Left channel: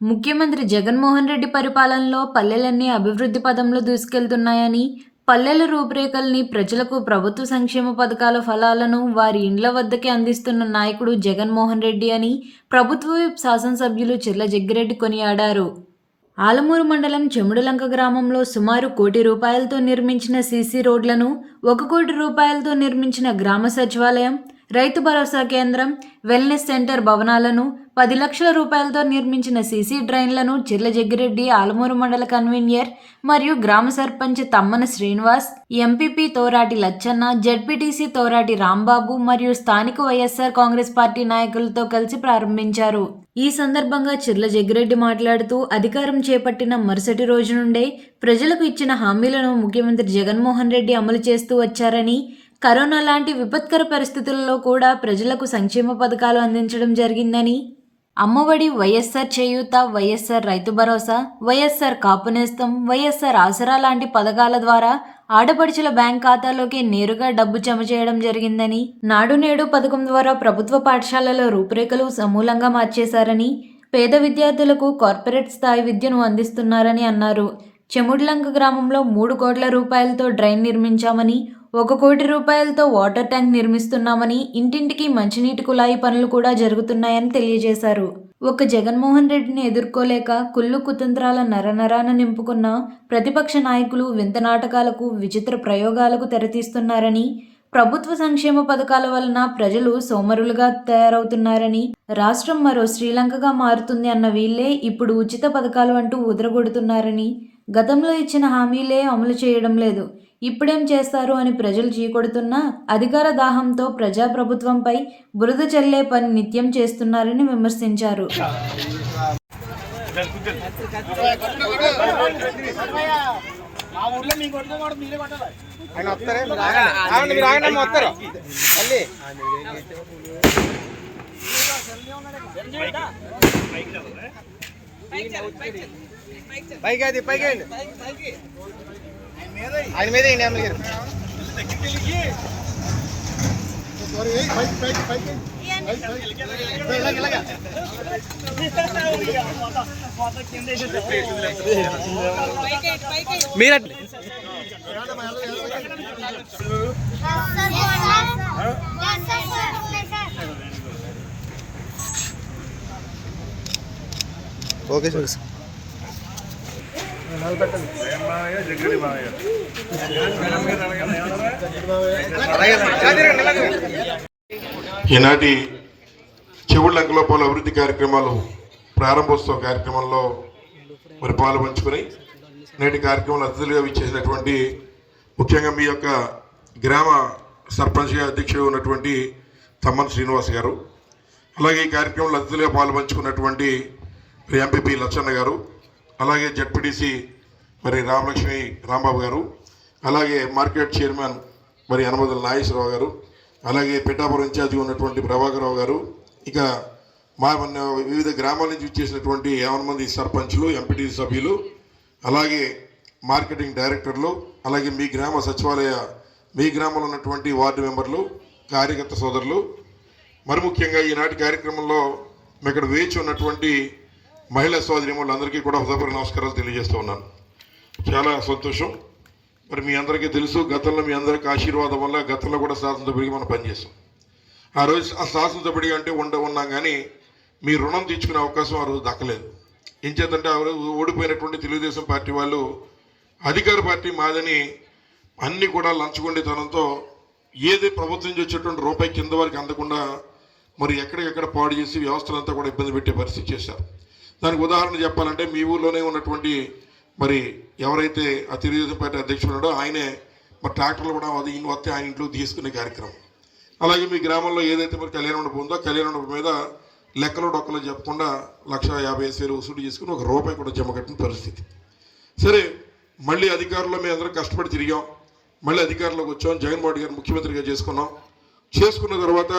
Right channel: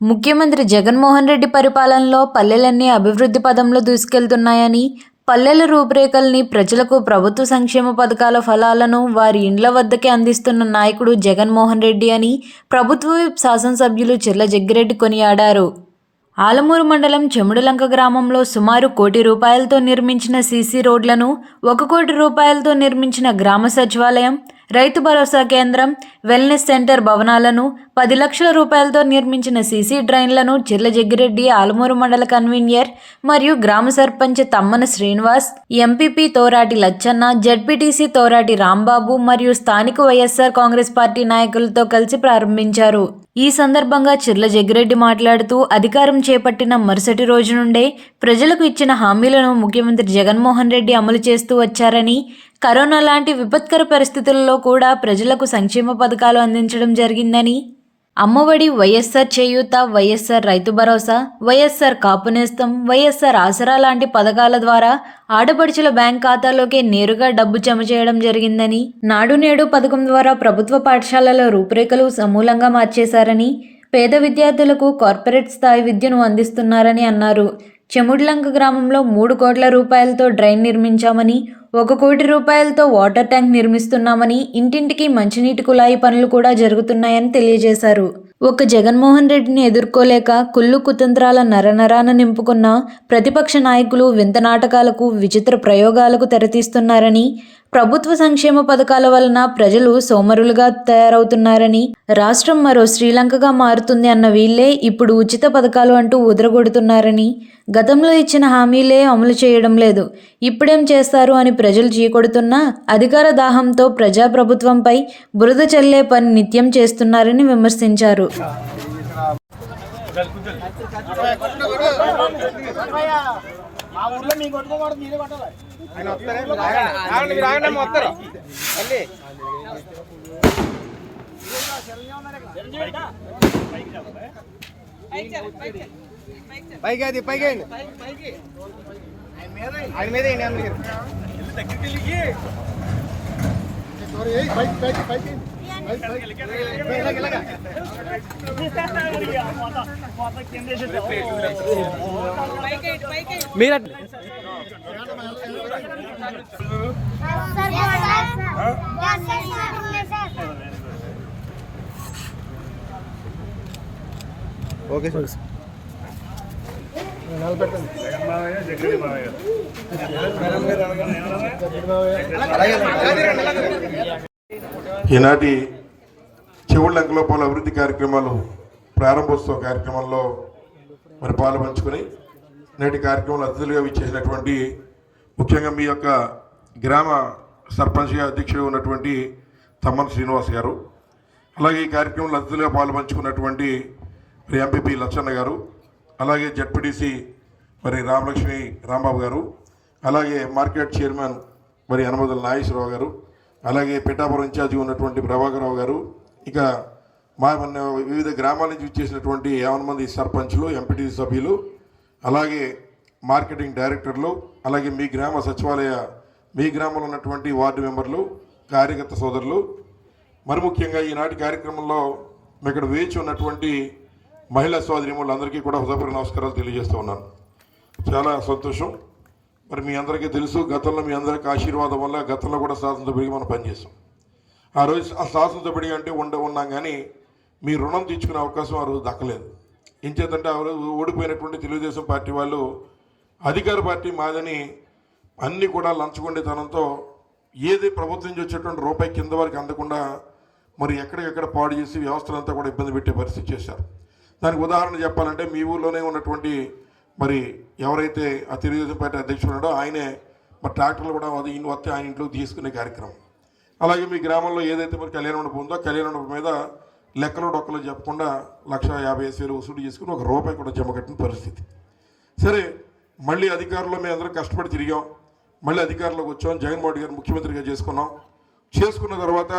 ముఖ్యమంత్రి జగన్మోహన్ రెడ్డి పరిపాలనలో పల్లెలన్నీ అభివృద్ధి పదంలో దూసుకెళ్తున్నాయని పల్లెల రూపురేఖల్ని ప్రజలకు ప్రభుత్వ సంక్షేమ పథకాల ఫలాలను వారి ఇండ్ల వద్దకే అందిస్తున్న నాయకుడు జగన్మోహన్ రెడ్డి అని ప్రభుత్వ శాసనసభ్యులు చిర్ల జగ్గిరెడ్డి కొనియాడారు. ఆలమూరు మండలం చెముడులంక గ్రామంలో సుమారు కోటి రూపాయలతో నిర్మించిన సీసీ రోడ్లను ఒక కోటి రూపాయలతో నిర్మించిన గ్రామ సచివాలయం రైతు భరోసా కేంద్రం వెల్నెస్ సెంటర్ భవనాలను పది లక్షల రూపాయలతో నిర్మించిన సీసీ డ్రైన్లను చిర్ల జగ్గిరెడ్డి ఆలమూరు మండల కన్వీనియర్ మరియు గ్రామ సర్పంచ్ తమ్మన శ్రీనివాస్ ఎంపీపీ తోరాటి లచ్చన్న జడ్పీటీసీ తోరాటి రాంబాబు మరియు స్థానిక వైఎస్ఆర్ కాంగ్రెస్ పార్టీ నాయకులతో కలిసి ప్రారంభించారు. ఈ సందర్భంగా చిర్ల జగ్గిరెడ్డి మాట్లాడుతూ అధికారం చేపట్టిన మరుసటి రోజు నుండే ప్రజలకు ఇచ్చిన హామీలను ముఖ్యమంత్రి జగన్మోహన్ రెడ్డి అమలు చేస్తూ వచ్చారని కరోనా లాంటి విపత్కర పరిస్థితుల్లో కూడా ప్రజలకు సంక్షేమ పథకాలు అందించడం జరిగిందని అమ్మఒడి వైఎస్ఆర్ చేయూత వైఎస్ఆర్ రైతు భరోసా వైఎస్ఆర్ కాపునేస్తం వైఎస్ఆర్ ఆసరా లాంటి పథకాల ద్వారా ఆడపడుచుల బ్యాంక్ ఖాతాలోకి నేరుగా డబ్బు జమ చేయడం జరిగిందని నాడు నేడు పథకం ద్వారా ప్రభుత్వ పాఠశాలల రూపురేఖలు సమూలంగా మార్చేశారని పేద విద్యార్థులకు కార్పొరేట్ స్థాయి విద్యను అందిస్తున్నారని అన్నారు. చెముడ్లంక గ్రామంలో మూడు కోట్ల రూపాయలతో డ్రైన్ నిర్మించామని ఒక కోటి రూపాయలతో వాటర్ ట్యాంక్ నిర్మిస్తున్నామని ఇంటింటికి మంచినీటి కుళాయి పనులు కూడా జరుగుతున్నాయని తెలియజేశారు. ఒక జగన్మోహన్ రెడ్డిని ఎదుర్కోలేక కుళ్ళు కుతంత్రాల నరనరాన నింపుకున్న ప్రతిపక్ష నాయకులు వింత నాటకాలకు విచిత్ర ప్రయోగాలకు తెరతీస్తున్నారని ప్రభుత్వ సంక్షేమ పథకాల వలన ప్రజలు సోమరులుగా తయారవుతున్నారని రాష్ట్రం మరో శ్రీలంకగా మారుతుంది అన్న వీళ్ళే ఇప్పుడు ఉచిత పథకాలు అంటూ ఉదరగొడుతున్నారని గతంలో ఇచ్చిన హామీలే అమలు చేయడం లేదు ఇప్పుడేం చేస్తారు అని ప్రజలు చీకొడుతున్నా అధికార దాహంతో ప్రజాప్రభుత్వంపై బురద చల్లే పని నిత్యం చేస్తున్నారని విమర్శించారు. మా ఊర్లో మీ మీరే కొట్టాలి ఆగండి మీరు వస్తారు? మళ్ళీ పైకి అది పైకి అండి ఆయన మీద వేయండి అమ్మ గారు మీరు ఓకే సార్. ఈనాటి శివుళ్ళ అంకలోపాల అభివృద్ధి కార్యక్రమాలు ప్రారంభోత్సవ కార్యక్రమంలో మరి పాలు పంచుకుని నేటి కార్యక్రమంలో అతిథులుగా విచ్చేసినటువంటి ముఖ్యంగా మీ యొక్క గ్రామ సర్పంచ్గా అధ్యక్షుడు ఉన్నటువంటి తమ్మన్ శ్రీనివాస్ గారు అలాగే ఈ కార్యక్రమంలో అతిథులుగా పాలు పంచుకున్నటువంటి మరి ఎంపీపీ లచ్చన్న గారు అలాగే జడ్పీటీసీ మరి రామలక్ష్మి రాంబాబు గారు అలాగే మార్కెట్ చైర్మన్ మరి యనమదల నాగేశ్వరరావు గారు అలాగే పిఠాపురం ఇన్ఛార్జి ఉన్నటువంటి ప్రభాకరరావు గారు ఇక మా మన వివిధ గ్రామాల నుంచి ఇచ్చేసినటువంటి యావన మంది సర్పంచ్లు ఎంపీటీసీ సభ్యులు అలాగే మార్కెటింగ్ డైరెక్టర్లు అలాగే మీ గ్రామ సచివాలయ మీ గ్రామంలో ఉన్నటువంటి వార్డు మెంబర్లు కార్యకర్త సోదరులు. మరి ముఖ్యంగా ఈనాటి కార్యక్రమంలో మేము ఇక్కడ వేచి ఉన్నటువంటి మహిళా సోదరిములందరికీ కూడా హృదయపూర్వక నమస్కారాలు తెలియజేస్తూ ఉన్నాను. చాలా సంతోషం. మరి మీ అందరికీ తెలుసు గతంలో మీ అందరికీ ఆశీర్వాదం వల్ల గతంలో కూడా శాసనసభ్యుడిగా మనం పనిచేస్తాం ఆ రోజు ఆ శాసనసభ్యుడిగా అంటే ఉండ ఉన్నాం కానీ మీ రుణం తీర్చుకునే అవకాశం ఆ రోజు దక్కలేదు. ఏం ఆ రోజు ఓడిపోయినటువంటి తెలుగుదేశం పార్టీ వాళ్ళు అధికార పార్టీ మాదని అన్నీ కూడా లంచగొండితనంతో ఏది ప్రభుత్వం నుంచి వచ్చేటువంటి రూపాయి కింద వరకు అందకుండా మరి ఎక్కడికెక్కడ పాడు చేసి వ్యవస్థలంతా కూడా ఇబ్బంది పెట్టే పరిస్థితి చేశారు. దానికి ఉదాహరణ చెప్పాలంటే మీ ఊళ్ళోనే ఉన్నటువంటి మరి ఎవరైతే ఆ తెలుగుదేశం పార్టీ అధ్యక్షుడు ఉన్నాడో ఆయనే మరి ట్రాక్టర్లు కూడా అది వస్తే ఆయన ఇంట్లో తీసుకునే కార్యక్రమం. అలాగే మీ గ్రామంలో ఏదైతే మరి కళ్యాణ మండపం ఉందో కళ్యాణ మండపం మీద లెక్కలు డొక్కలు చెప్పకుండా లక్ష యాభై ఐదు వేలు వసూలు చేసుకుని ఒక రూపాయి కూడా జమ కట్టిన పరిస్థితి. సరే మళ్ళీ అధికారంలో మేము అందరం కష్టపడి తిరిగాం. మళ్ళీ అధికారంలోకి వచ్చాం. జగన్మోహన్ గారు ముఖ్యమంత్రిగా చేసుకున్నాం. చేసుకున్న తర్వాత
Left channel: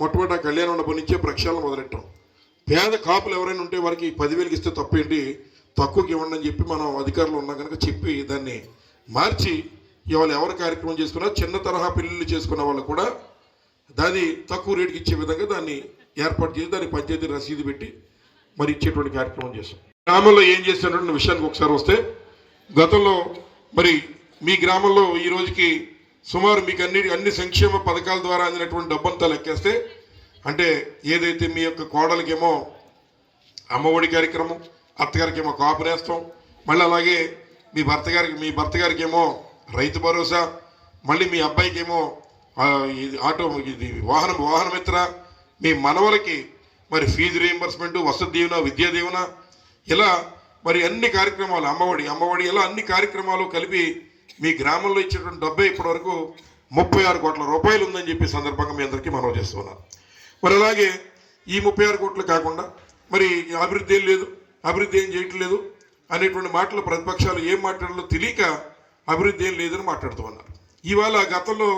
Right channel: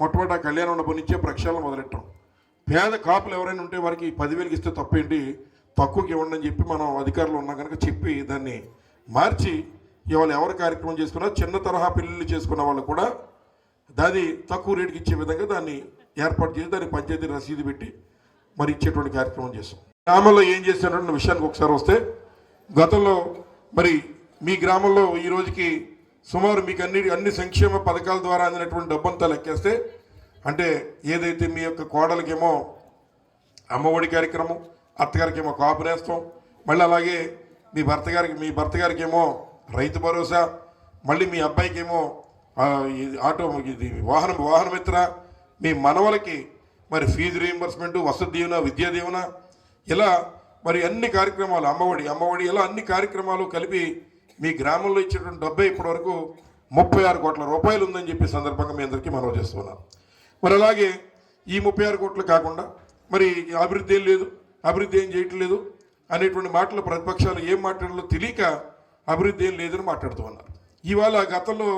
మొట్టమొదటి కళ్యాణ మండపం నుంచే ప్రక్షాళన మొదలెట్టాం. పేద కాపులు ఎవరైనా ఉంటే వారికి పదివేలకి ఇస్తే తప్పేంటి తక్కువకి ఇవ్వండి అని చెప్పి మనం అధికారులు ఉన్నాం కనుక చెప్పి దాన్ని మార్చి ఇవాళ ఎవరు కార్యక్రమం చేసుకున్నా చిన్న తరహా పెళ్ళిళ్ళు చేసుకున్న వాళ్ళు కూడా దాన్ని తక్కువ రేటుకి ఇచ్చే విధంగా దాన్ని ఏర్పాటు చేసి దాన్ని పంచాయతీ రసీదు పెట్టి మరి ఇచ్చేటువంటి కార్యక్రమం చేశాం. గ్రామంలో ఏం చేస్తున్నటువంటి విషయానికి ఒకసారి వస్తే గతంలో మరి మీ గ్రామంలో ఈ రోజుకి సుమారు మీకు అన్ని అన్ని సంక్షేమ పథకాల ద్వారా అందినటువంటి డబ్బంతా లెక్కేస్తే అంటే ఏదైతే మీ యొక్క కోడలకేమో అమ్మఒడి కార్యక్రమం అత్తగారికి ఏమో కాపు నేస్తాం మళ్ళీ అలాగే మీ భర్త గారికి మీ భర్త గారికి ఏమో రైతు భరోసా మళ్ళీ మీ అబ్బాయికి ఏమో ఇది ఆటో ఇది వాహనం వాహనమిత్ర మీ మనవలకి మరి ఫీజు రీయింబర్స్మెంట్ వసతి దీవెన విద్యా దీవెన ఇలా మరి అన్ని కార్యక్రమాలు అమ్మఒడి అమ్మఒడి ఇలా అన్ని కార్యక్రమాలు కలిపి మీ గ్రామంలో ఇచ్చేటువంటి డబ్బే ఇప్పటివరకు ముప్పై ఆరు కోట్ల రూపాయలు ఉందని చెప్పి సందర్భంగా మీ అందరికీ మనవి చేస్తున్నాను మరి అలాగే ఈ ముప్పై ఆరు కోట్లు కాకుండా మరి అభివృద్ధి ఏం లేదు అభివృద్ధి ఏం చేయట్లేదు అనేటువంటి మాటలు ప్రతిపక్షాలు ఏం మాట్లాడాలో తెలియక అభివృద్ధి ఏం లేదని మాట్లాడుతూ ఉన్నారు. ఇవాళ గతంలో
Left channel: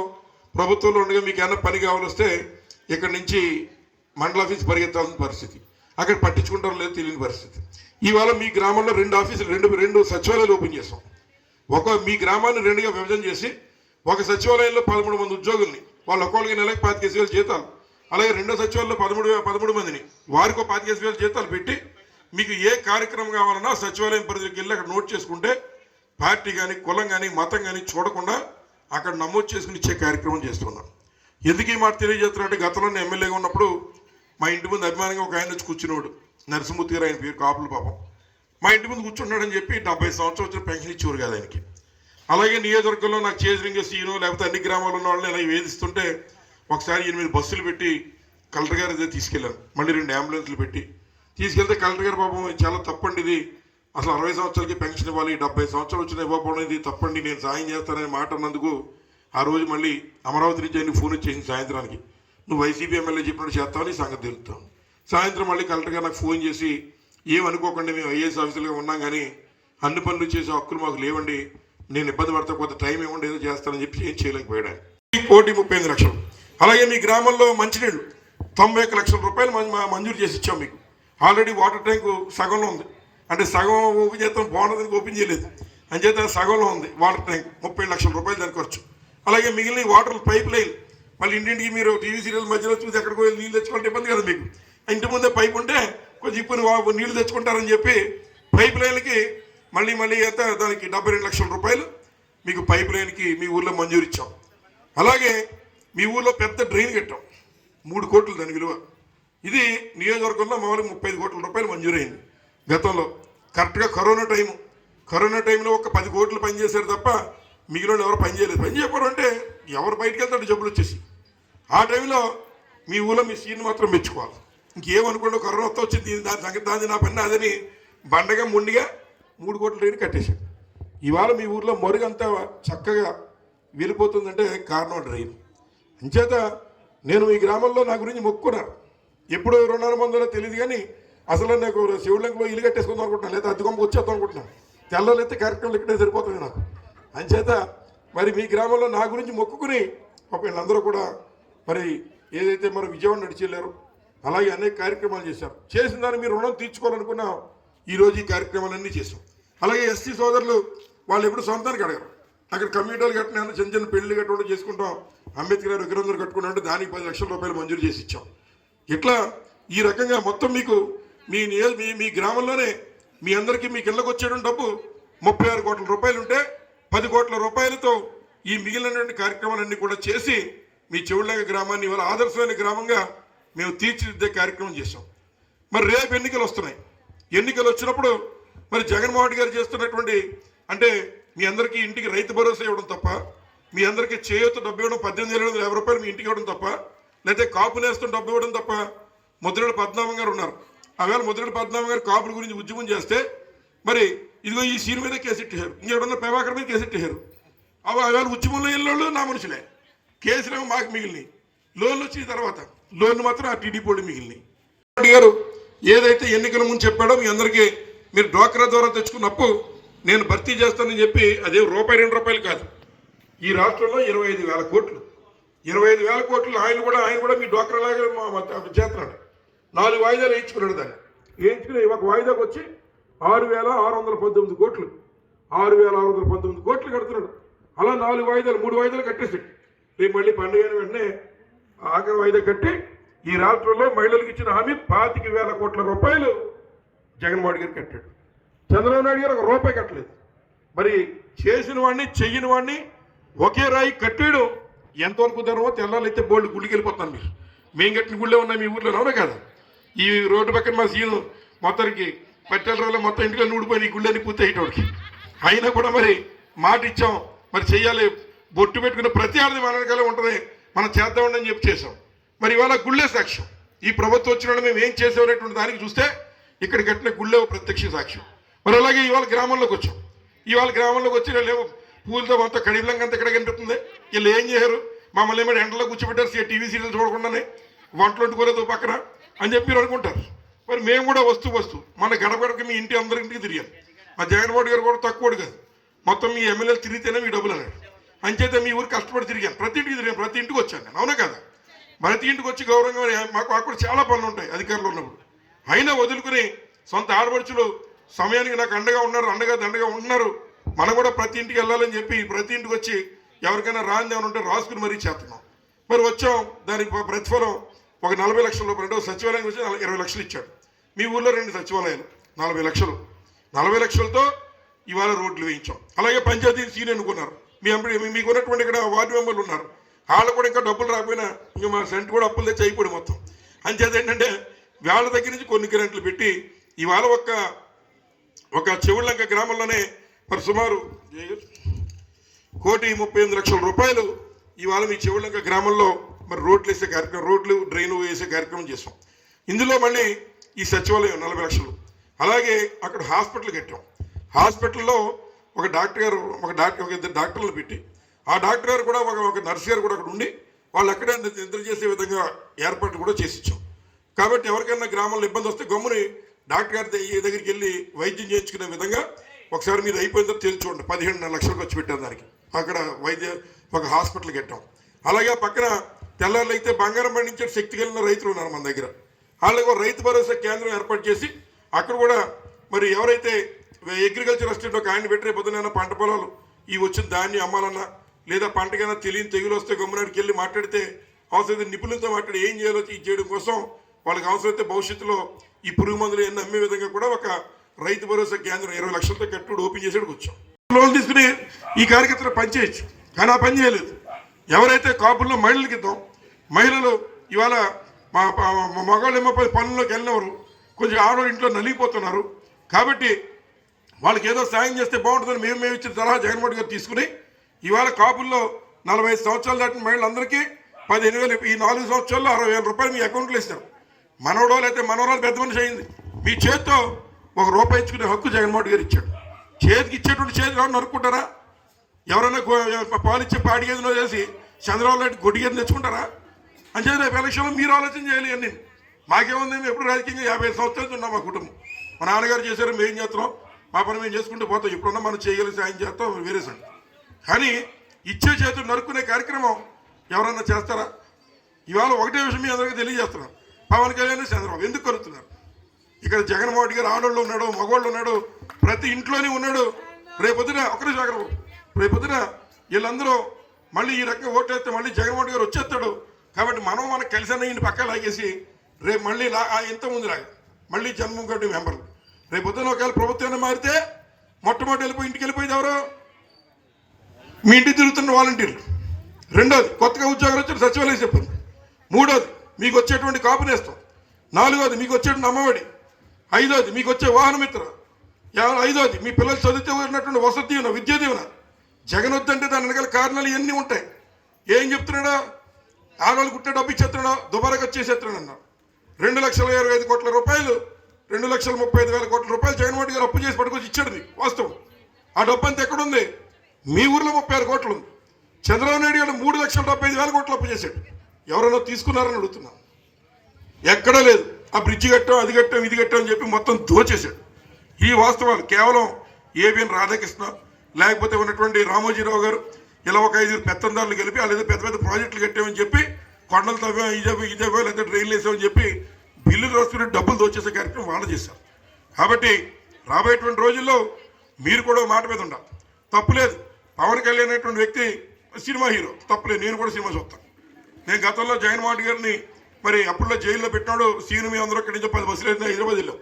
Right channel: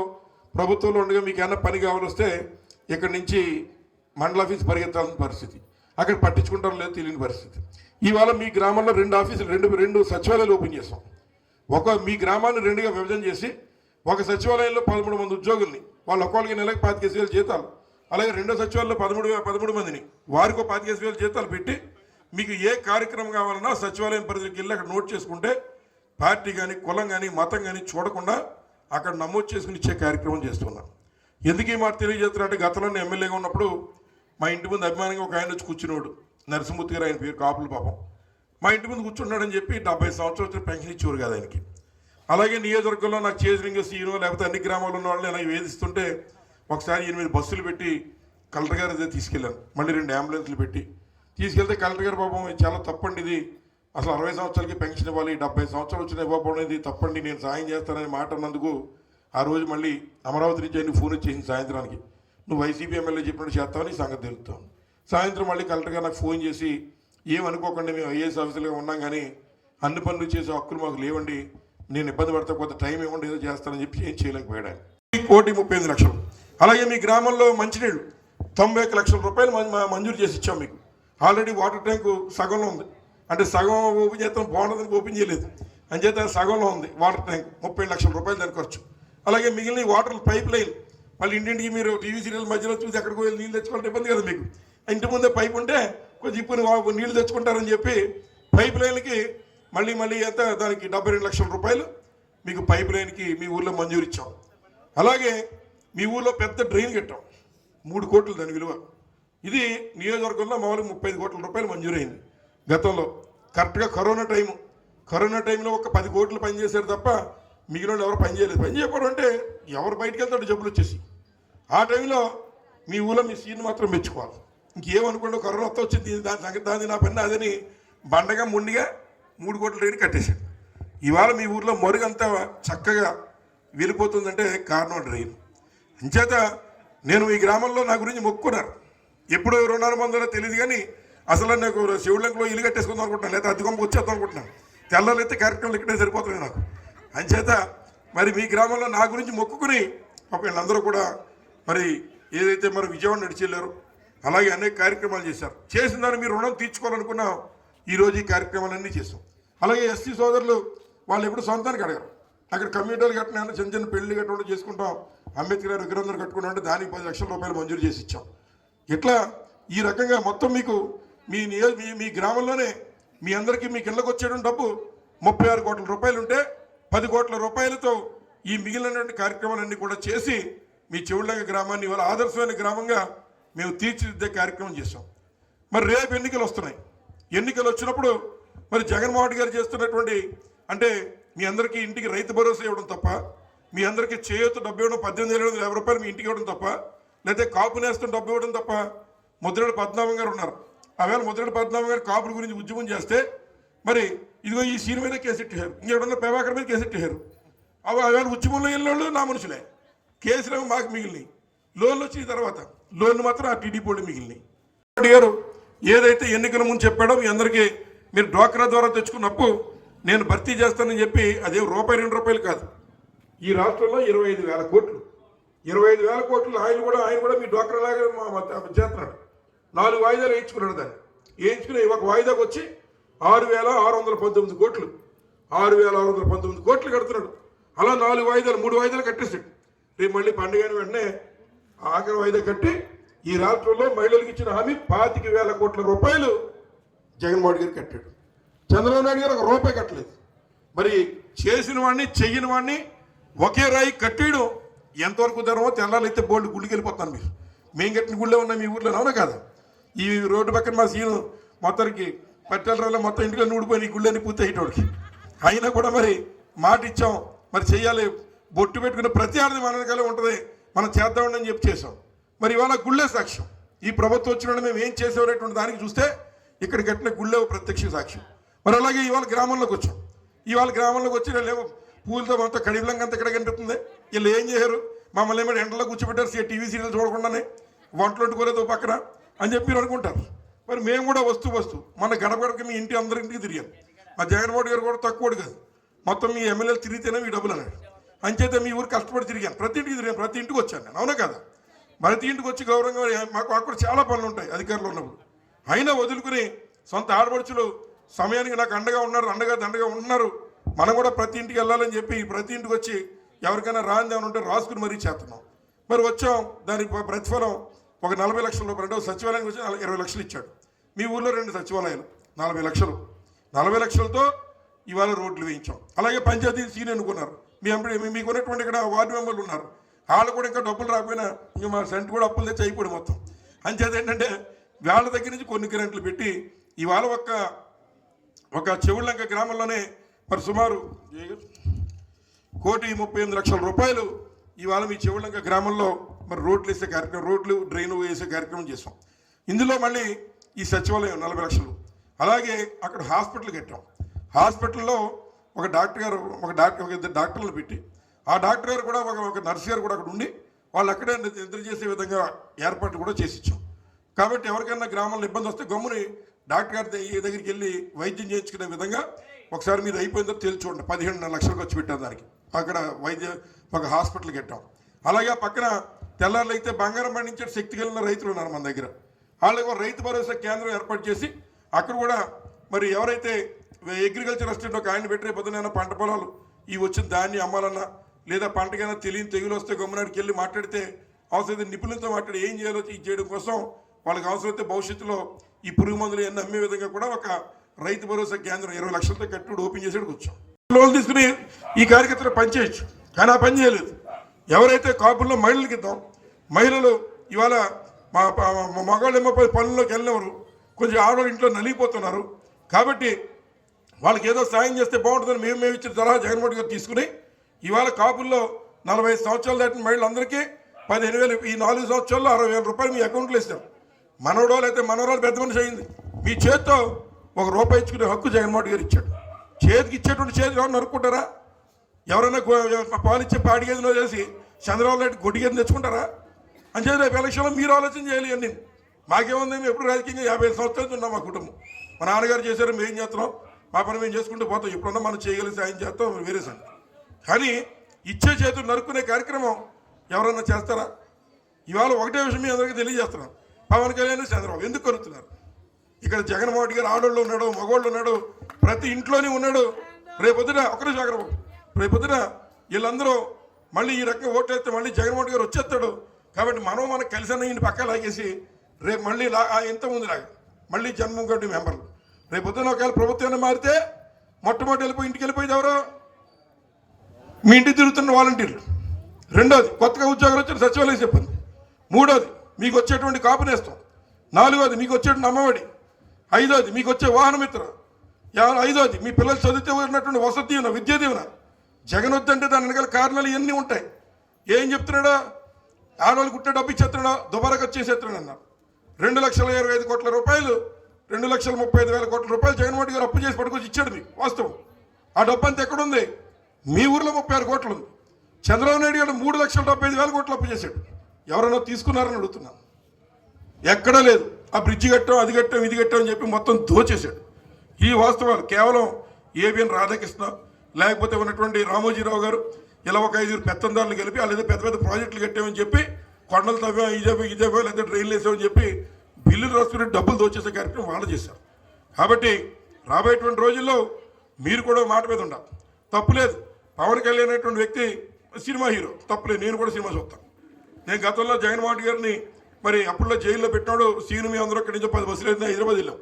ప్రభుత్వంలో ఉండగా మీకు ఏమైనా పని కావాలొస్తే ఇక్కడ నుంచి మండల ఆఫీస్ పరిగెత్తాల్సిన పరిస్థితి. అక్కడ పట్టించుకుంటారో లేదో తెలియని పరిస్థితి. ఇవాళ మీ గ్రామంలో రెండు ఆఫీసులు రెండు రెండు సచివాలయాలు ఓపెన్ చేస్తాం ఒక మీ గ్రామాన్ని రెండుగా విభజన చేసి ఒక సచివాలయంలో పదమూడు మంది ఉద్యోగుల్ని వాళ్ళు ఒక్కొక్కరికి నెలకు పాతికేసి వేలు జీతాలు అలాగే రెండో సచివాలయంలో పదమూడు పదమూడు మందిని వారికి ఒక పాతికేసి వేలు జీతాలు పెట్టి మీకు ఏ కార్యక్రమం కావాలన్నా సచివాలయం పరిధికి వెళ్ళి అక్కడ నోట్ చేసుకుంటే పార్టీ కానీ కులం కానీ మతం కానీ చూడకుండా అక్కడ నమోదు చేసుకుని ఇచ్చే కార్యక్రమం చేస్తున్నాం. ఎందుకు ఈ మాట తెలియజేస్తున్నారంటే గతంలో నేను ఎమ్మెల్యేగా ఉన్నప్పుడు మా ఇంటి ముందు అభిమానంగా ఒక ఆయన వచ్చి కూర్చున్నాడు నరసింహమూర్తి గారు ఆయన పేరు కాపుల పాపం. మా ఇంటి ముందు కూర్చున్నాడని చెప్పి డెబ్బై సంవత్సరాలు వచ్చిన పెన్షన్ ఇచ్చేవారు కదా ఆయనకి. అలాగే నియోజకవర్గంలో నాకు చేజరింగ సీను లేకపోతే అన్ని గ్రామాల్లో ఉన్న వాళ్ళని ఇలా వేధిస్తుంటే ఒకసారి ఎనిమిది బస్సులు పెట్టి కలెక్టర్ గారి దగ్గర తీసుకెళ్ళాను. మళ్ళీ రెండు అంబులెన్స్లు పెట్టి తీసుకెళ్తే కలెక్టర్ గారు పాపం చాలా తప్పండి ఇది. అసలు అరవై సంవత్సరాలకి పెన్షన్ ఇవ్వాలి డెబ్బై సంవత్సరాలు వచ్చిన ఇవ్వకపోవడం ఇది తప్పండి నేను సాయం చేస్తానని మాట అన్నందుకు ఆ రోజు మళ్ళీ అమరావతి నుంచి ఆయన ఫోన్ వచ్చేసింది సాయంత్రానికి. నువ్వు వైసీపీ ఎమ్మెల్యే చెప్పినట్టు చేస్తావని సంగతి తెలుపుతాను సాయంత్రం మళ్ళీ కలెక్టర్ గారు నాకు ఫోన్ చేసి ఏమనుకోకండి మేము ఐఏఎస్ ఆఫీసర్గా ఉన్నాం కానీ అన్ని పనులు చేసే హక్కులు మాకు లేవండి నేను ఇబ్బంది పడితే కొంత టైం ఇవ్వండి ఏదో చేస్తానని చెప్పి ఏం చేయలేకపోయాడు కోటి ముప్పై ఎనిమిది లక్షలు. అలాగే మీ గ్రామంలో మంచినీళ్ళు తొంభై ఒక్క లక్షల రూపాయలు మా- మంజూరు చేసి ఇచ్చాం మీకు. ఆల్రెడీ వాటర్ ట్యాంకు సగంలో ఉంది. అంటే సగం ఓపెన్ చేస్తాం బాగుండదని ఓపెన్ చేయలేదు. అంచేత సగంలో ఉంది వాటర్ ట్యాంక్ ముప్పై లక్షల రూపాయలు దాని ఖర్చు. అలాగే మిగిలిన వాటర్ పైప్ లైన్ మళ్ళీ ఇంటింటికి మీరు టీవీ సీరియల్ మధ్యలో చూసి ఎక్కడికి వెళ్ళి నీళ్ళు తెచ్చుకుంటే ఇబ్బంది కదా మీకు. ఇంటి ముందే పైప్ ఉంటే కొంచెం ఇప్పుడు వా- నీళ్ళు తెచ్చుకుంటారని చెప్పి పైప్ లైన్కి మళ్ళీ మళ్ళీ ఎంత దానికి డెబ్బై రెండు లక్షల రూపాయలు మీకు పైప్ లైన్కి మీ ఊర్లో మంజూరు ఇచ్చాం. అలాగే మీ ఊర్లో పెద్ద డ్రైన్ కట్టాం మూడు కోట్లు దాని విలువ. ఇది నియోజకవర్గంలో మామూలుగా ముప్పై ఐదు కోట్ల రూపాయలు మంజూరైంది. గతంలో కరెక్ట్గా కరోనా టైము. కరోనా టైంలో ఒక పది కోట్లు పనిచేశారు తప్ప మిగిలిన ఎవరు పని చేయలేదు. పని చేయకపోవడం అంటే ఎవరు బయటకు వెళ్తాడు జబ్బులు వచ్చేసి. ఆ టైంలో మీ ఊళ్ళో మీ సీన్ మాత్రం మెచ్చుకోవాలి. ఇంకేమనుకోండి కరోనా వస్తే వచ్చింది. దాని సంగతి దాని నా పని అదని బండగా ముండిగా మూడు కోట్ల రేటు కట్టేశాడు ఇవాళ మీ ఊర్లో మరుగంతా చక్కగా వెళ్ళిపోతుందంటే కారణం డ్రైన్. అంచేత నేను మీ గ్రామంలో నా గురించి మొక్కున్నారు ఎప్పుడు రుణాలు పొందాలో తెలియదు కానీ అసలు నాకు శివలింగంలో ఇల్లు కట్టేసుకుందాం అనుకుంటున్నాను లేదా అద్దెకొమ్మ వచ్చేద్దాం అనుకుంటున్నాను తెల్లలైతే కార్యక్రమాలు ఇక్కడే సరిపోతున్నాయి నాకు. అంచేత మరి మీ గ్రామంలో నా గురించి మొక్కుకుని పాప వీళ్ళందరూ కూడా మరి ఏదైతే మరి విజయవాడ నడిచి వెళ్ళారు అలాగే అనేక కార్యక్రమాలు చేశారు. చేసిన దాన్ని మీరు రుణం తీర్చుకోవాలనుకున్నా ఈరోజు ఈ కార్యక్రమాలన్నీ చేసాం అలాగే ఎస్టీ సోదరులు వాళ్ళు ఎప్పుడు సొంతానికి అడగరు. అక్కడ కమ్యూనిటీలు కట్టినా చిన్న చిన్న పెళ్ళి కట్టుకుంటూ చేసుకుంటాం అంబేద్కర్ గారు విగ్రహం కట్టుకున్నా అంటే దానికి పది లక్షల రూపాయలు మంజూరు చేసి ఇచ్చాం. ఇట్లా ఈ రకంగా మొత్తం మీకు మీ నియో మీ మీ గ్రామంలోనే మీ అందరికీ మీకు ఇళ్ళకి వచ్చేటువంటి డబ్బు ముప్పై ఆరు కోట్ల రూపాయలు ఉంటే పది కోట్ల రూపాయలతో ఈ మిగిలినటువంటి కార్యక్రమాలన్నీ కూడా చేసి మీ చెవుళ్ళగ గ్రామాన్ని ఇవాళ ఆదర్శమైన గ్రామంగా మేము తీర్చిదిద్దే కార్యక్రమం చేశాం. మరి రేపు ఎన్నికలు వస్తున్నాయి. ఎన్నికలు వచ్చినప్పుడు మరి జగన్మోహన్ రెడ్డి గారు చేస్తున్నటువంటి అంటే మీ అందరికీ ఇంటికి రైతు భరోసా ఇవ్వడం తప్ప మీ అందరికీ చేయూత డబ్బు ఇవ్వడం పద్దెనిమిది వేల వందల యాభై రూపాయలు మీ ఇంటికి ఇవ్వడం తప్ప లేకపోతే కాపు నేస్తం డబ్బు ఇవ్వడం తప్ప ముద్రలు పద్మనాభం గారు ఉన్నారు. ఆవేళ ముద్రగడ పద్మనాభం గారు కాపుల గురించి ఉద్యమం చేస్తే మరి ఇదిగో ఈ సీన్ మీద కేసెట్టారు ఇంకెవరన్నా ప్రభాకర్ మీద కేసెట్టారు అవి ఆవేళ ఉద్యమంలో వెళ్ళిన నా మనుషులే. కేసులు మాకు మిగిలినాయి లోన్లు వచ్చిన తర్వాత లోన్లు మాత్రం ఆ టీడీపీ వాళ్ళు మిగిలినాయి గారు ఏదైతే ఎన్నికల ముందు చెప్పాడో మీ అందరికీ మీరు డ్వాక్రా ద్వారా తెచ్చుకున్నప్పుడు నేను భర్తీ చేస్తానని చెప్పి అదే రూపాయి రెండు రూపాయలు కాదు. ఈ రాష్ట్రంలో ఇరవై ఐదు వేల కోట్లు. ఇరవై ఐదు వేల కోట్లు ఆయన కూడా ఆయన కూడా మీ డ్వాక్రా లాగా చేస్తున్నాడు. నాలుగు వాయిదాలు వేయించుకున్నాడు దాన్ని. వేయించుకుని ఒక వాయిదాకు వచ్చి ఆరు వేల ఆరు వందల పంతొమ్మిది కోట్లు. ఆరు వేల ఆరు వందల పంతొమ్మిది కోట్లు కడుతున్నాడు. అలా నాలుగు వాయిదాలు మూడు వాయిదాలు కట్టేసాడు రేపు మళ్ళీ పండుగ వెంటనే ఆఖరి వాయిదా కట్టి ఈ రాష్ట్రంలో మహిళలకు ఇచ్చిన హామీ పాతిక వేల కోట్ల రూపాయలు జగన్మోహన్ గారు కట్టాడు. చంద్రబాబు నాయుడు గారు ఒక రూపాయి కట్టలేదు. మరి చేసిన వాడిని చెయ్యని వాడిని ఒకే రాయి కట్టాడు. ఎంతవరకు ధరమో తెల్లాలైతే బోల్డ్ గుళ్ళకి వెళ్ళిపోతాను మీరు. మేము కట్టిన గుళ్ళే ఉన్నాయి మీ ఊర్లో అవునా కదా? ఈ రోడ్డు పక్కన మా సీన్ మొత్తానికి పట్టెల మొత్తం ఇంటిలో నూడిపోయిన ఈ గుళ్ళని పూర్తి అయ్యేటోడికి అయినా కూడా మరి మాట ఇచ్చాం. మరి చెయ్యాలి. బొట్టు పెట్టుకున్న ప్రతి ఆడది మన వెనకాలే ఉంటుంది. మనం చేద్దామని అని చెప్పి చేసాం మరి ఇవాళ గుళ్ళే సాక్ష్యం. ఈ ప్రభుత్వం వచ్చిన మేము ఏం చేసామనేటువంటి దానికి చూస్తే ఇక్కడ కట్టిన గుళ్ళే ప్రత్యక్ష సాక్ష్యం. మరి అలాగే ఇవాళ గ్రామంలోకి వచ్చాం. ఇవాళ గ్రామంలోకి వచ్చిన లేవు. పూలతో మొత్తం కడిలంగా అంత ఇక్కడ కనిపిస్తుంది. వీళ్ళు ఏం చేశారు? మమ్మల్ని ఏమైనా ఎండలో కూర్చోబెట్టారు. సీ- టీవీ సీరియల్ చూడకుండానే. వంటలు వండుకోలేదు పక్కన. అని చెప్పి మీరు అనుకుంటారు. మరి మేము కూడా వస్తూ వస్తూ మన గడపడకి మీ ఇంటి అందరింటికి తిరిగాం. మా జగన్మోహన్ గారు కూడా తక్కువడు కాదు. మొత్తం మీ ఎమ్మెల్యేలు తిరిగితేనే మీ డబ్బులు అన్నాడు. అంచేత మీ ఊరు కష్టపడి తిరిగాను ప్రతి ఇంటికి తిరిగాను ప్రతి ఇంటికి వచ్చాను నేను అవునా కదా? ప్రతి ఇంటికి వచ్చి గౌరవంగా మాకు అక్కడ చాలా పనులు ఉంటాయి అధికారులు ఉన్నప్పుడు. అయినా వదులుకుని సొంత ఆడపడుచులు సమయానికి నాకు అండగా ఉన్నారు అండగా దండగా ఉంటున్నారు. మనం కూడా ప్రతి ఇంటికి వెళ్ళాలని చెప్పి ప్రతి ఇంటికి వచ్చి ఎవరికైనా రాంది ఉంటే రాసుకుని మరీ చేస్తున్నాం. మరి వచ్చాం. దానికి ప్రతిఫలం ఒక నలభై లక్షల రూపాయలు రెండో సచివాలయం వచ్చి నలభై- ఇరవై లక్షలు ఇచ్చాడు. మీ ఊళ్ళో రెండు సచివాలయాలు నలభై లక్షలు. నలభై లక్షలతో ఇవాళ రోడ్లు వేయించాం. అలాగే పంచాయతీ సీని అనుకున్నారు మీ ఎంపీ మీకు ఉన్నటువంటి ఇక్కడ వార్డు మెంబర్లు ఉన్నారు. వాళ్ళు కూడా ఇంకా డబ్బులు రాకపోయినా ఇంకా మా సెంట్ కూడా అప్పులు తెచ్చి అయిపోయి మొత్తం. అంచేత ఏంటంటే వాళ్ళ దగ్గర నుంచి కొన్ని గ్రాంట్లు పెట్టి ఇవాళ ఒక్క ఒక చెవుళ్ళంక గ్రామంలోనే మరి సుమారు కోటి ముప్పై ఎనిమిది లక్షల రూపాయలు ఇవాళ మీ చెవుళ్ళంక గ్రామంలో మరి రోడ్లు వేసే కార్యక్రమం రోడ్లు డ్రైన్ వేసే కార్యక్రమం చేసాం ఇందులో మళ్ళీ ఈ సచివాలయం నలభై లక్షలు. అలాగే అక్కడ హాస్పిటల్ కట్టాం. హాస్పిటల్లో ఒక డాక్టర్ గారు ఒక డాక్టర్ ఒక ఇద్దరు డాక్టర్లు పెట్టి ఆ డాక్టర్ గారు కూడా ఒక ఒక నర్స్ గారు కూడా అక్కడ ఉండి వాళ్ళు అక్కడే నిద్ర చేసే విధంగా ఏర్పాట్లు కూడా చేసి ఇచ్చాం. కాబట్టి ఎవరికైనా గ్రామంలో ఇబ్బంది వస్తే గమ్ముని డాక్టర్ గారి దగ్గరికి వెళ్ళి వైద్యం చేయించుకునే విధంగా ఒకసారి మీరు అయిపోయిన తర్వాత తెలిసి చూడండి. పదిహేను లక్షలు ఖర్చు పెట్టాం దానికి. అక్కడ వైద్య ఒక హాస్పిటల్ కట్టాం. అలాగే పక్కన తెల్లారులు అయితే బంగారం పండించే శక్తి కలిగిన రైతులు ఉన్నారు మన దగ్గర. వాళ్ళకి రైతు భరోసా కేంద్రం ఏర్పాటు చేసి అక్కడ కూడా మరి ఎవరైతే అగ్రికల్చర్ అసిస్టెంట్ ఒక ఆయన పెట్టి పొద్దున పంట పొలాలు ఈ వచ్చిన దాన్ని అమ్మాలన్నా లేదా పంటకైనా తెలియని తెగులు వస్తే గమ్మునాడికి వెళ్ళి మాట్లాడితే అవసరమైతే నిపుణులతో మాట్లాడి ఏం చేయాలో ఇది చేయడం కోసం వాళ్ళకి అవసరమైతే భవిష్యత్తులో ఈ పురుగు మందులు ఎన్ని అమ్మే విధంగా కూడా ఒక రైతు భరోసా కేంద్రం ఇరవై లక్షలతో కట్టుడు ఓపెన్ చేసేటికి వచ్చాం. లోన్ తీసుకుని ఈ కార్యకర్తలు పనిచేయచ్చు కానీ ఆ పని చేయలేదు. ఎవరైతే కాపుల్లో మహిళలకి ఇద్దాం మహిళలు ఇవాళ మా మా- పోయి పనుల్లోకి వెళ్ళినవారు కొంచెం ఆడవాళ్ళు ఇంట్లో నలిగిపోతున్నారు. కాబట్టి వాళ్ళకి ఏదో సాయం చేస్తే బాగుంటుందని మేము మేము ఇచ్చిన సలహా జగన్మోహన్ గారు తీసుకుని ఇవాళ కాపుల్లో నలభై ఐదు సంవత్సరాలు దాటిన మహిళలందరికీ పదిహేను వేలు ఈ నాలుగు సంవత్సరాల్లో అరవై వేల రూపాయలు మీ అకౌంట్లో ఇస్తారు. మనవడోళ్ళు అయితే మనవరాలు పెద్ద మనిషి అయింది. మీ చేతితో ఒక రూపాయి ఇచ్చుకునే హక్కు జగన్మోహన్ గారు ఇచ్చాడు. చేతికి ఇచ్చేటువంటి చేతి ఎవరు నరుక్కుంటారా? ఎవరైనా పాలిచ్చి పాలిచ్చే పాడి గేదెలో చేసి చంద్రబాబు నాయుడు గొడ్డి గేదెలు తెచ్చుకుంటారా? అంటే రేపు ఎలక్షన్లో మీరు ఆలోచన చేయాలి అని మాకేముంది? మేము ఎప్పుడు రాజకీయంగా యాభై సంవత్సరాలు ఉన్నాం మా కుటుంబం. మా నాన్నగారు చేశారు మేము ఏం చేస్తున్నాం? మా పని మేము చేసుకుంటూ పోతాం. ఎప్పుడన్నా మనం చేయగలి సాయం చేస్తాం వేరే సంగతి. కానీ ఇచ్చే చేతులు నరుక్కునే కార్యక్రమం ఎవరన్నా చేస్తారా? ఇవాళ ఒకటే విషయం మీ అందరికీ తెలియజేస్తున్నాం పవన్ కళ్యాణ్ చంద్రబాబు ఎందుకు కలుగుతున్నారు ఇక్కడ జగన్మోహన్ గారు ఆడోళ్ళు ఉన్నాడు మగవాళ్ళు ఉన్నాడు ప్రతి ఇంట్లోనే ఉన్నాడు. రేపొద్దున ఒకరి జాగ్రత్త రేపొద్దున వీళ్ళందరూ మళ్ళీ ఈ రకంగా ఓటేస్తే మళ్ళీ జగన్మోహన్ గారు వచ్చేస్తాడు. కాబట్టి మనం మనకు కలిసి ఈయన పక్క లాగేసి రేపు మళ్ళీ లా ఇంతకుముందు ముందు లాగా. మళ్ళీ జన్మం కట్టి మెంబర్లు. రేపొద్దున ఒకవేళ ప్రభుత్వాన్ని మారితే మొట్టమొదటి వెళ్ళిపోయి ఇంటికి వెళ్ళిపోయేది ఎవరు? మీ ఇంటికి తిరుగుతున్న వాలంటీర్లు. రెండోది కొత్తగా ఉద్యోగాలు వచ్చిన సచివాలయం చెప్పింది. మూడోది మీకు వచ్చేటువంటి కాపునేస్తాం నాలుగోది మీకు వచ్చేటువంటి అమ్మఒడి. ఐదోది మీకు వచ్చే వాహన మిత్ర. ఐదోది మీ పిల్లలు చదివితే ఉన్నటువంటి వసతి దీవెన విద్యా దీవెన. జగన్ వద్దంటే దాని వెనకాల కారణాలు ఇవన్నీ ఉంటాయి. ఏం చెప్తున్నాడా? ఆడవాళ్ళు కుట్టే డబ్బు ఇచ్చేస్తున్నాడా? దుబారకు వచ్చేసేస్తున్నాడు అన్న. రెండు లక్షల ఇరవై ఐదు కోట్ల రూపాయలు రెండు లక్షల ముప్పై ఐదు వేల కోట్ల రూపాయలు జగన్మోహన్ గారు అప్పు చేసి పట్టుకొచ్చి ఇచ్చాడు వాస్తవం. ఆ డబ్బు అంతా ఎక్కడుంది? మీ ఊర్లో ముప్పై ఆరు కోట్లు ఉంది. చంద్రబాబు నాయుడు గారు మూడు లక్షల డెబ్బై ఐదు వేల కోట్లు అప్పు చేశాడు. ఎవరన్నా తీసుకున్నారని అడుగుతున్నాను ఎక్కడా లేదు. ఆ బ్రిడ్జి కట్టాం అది కట్టాం ఇది కట్టాం అని చెప్పి మొత్తం దోచేశాడు. ఈ వాస్తవాలు కేవలం ఏబిఎన్ రాధాకృష్ణ లేకపోతే ఉన్నటువంటి రామోజీరావు గారు ఇలా ఒక ఐదుగురు పెత్తందారులు కలిపి లేదా పెద్ద పెద్ద ప్రాజెక్టులు కట్టామని చెప్పి కొండలు తవ్వా ఇదేవో ఇదేవో లేదా డ్రైన్లు వేసామని చెప్పి బిల్లులు రాసుకునే డబ్బులు దోచేసే కార్యక్రమం వాళ్ళు చేశారు. కాబట్టి రాబోయేటువంటి రోజుల్లో మీరు కూడా మాట మీద ఉండాలి. తప్పులేదు పవన్ కళ్యాణ్ అనేటువంటి వ్యక్తి సినిమా హీరో. తప్పులేదు నేను కూడా సినిమా చూస్తాను. నేను గతంలో జగన్మోహన్ గారిని మరి అప్పుడులో జైల్లో పెట్టినాడు సీను మీ అందరూ ఇక్కడి నుంచి పది బస్సులు అయితే హైదరాబాద్ వెళ్ళాం.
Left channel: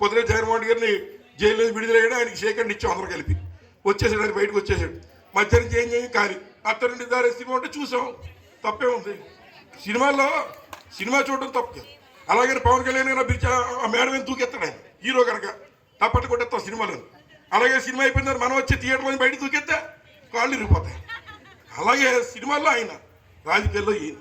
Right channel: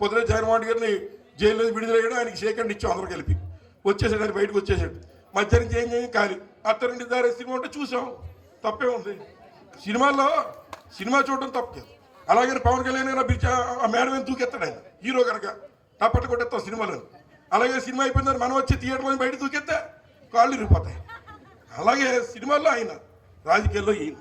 పొద్దున జగన్మోహన్ గారిని జైల్లో విడుదలయ్యాడు ఆయనకి సేకరణ ఇచ్చాం అందరూ కలిపి. వచ్చేసాడు ఆయన బయటకు వచ్చేసాడు. మధ్యాహ్నం చేంజ్ చేయం కానీ అత్తరండి దారి సినిమా ఉంటే చూసాం. తప్పే ఉంది. సినిమాల్లో సినిమా చూడడం తప్పు. అలాగే పవన్ కళ్యాణ్ గారు పిలిచి ఆ- మేడం మీద దూకెత్తాడు ఆయన? హీరో కనుక. తప్పట్టు కొట్టేస్తాం సినిమాలో అలాగే సినిమా అయిపోయిన మనం వచ్చి థియేటర్ బయట దూకెత్తే కాళ్ళు ఇరిగిపోతాయి. అలాగే సినిమాల్లో ఆయన రాజకీయాల్లో ఈయన.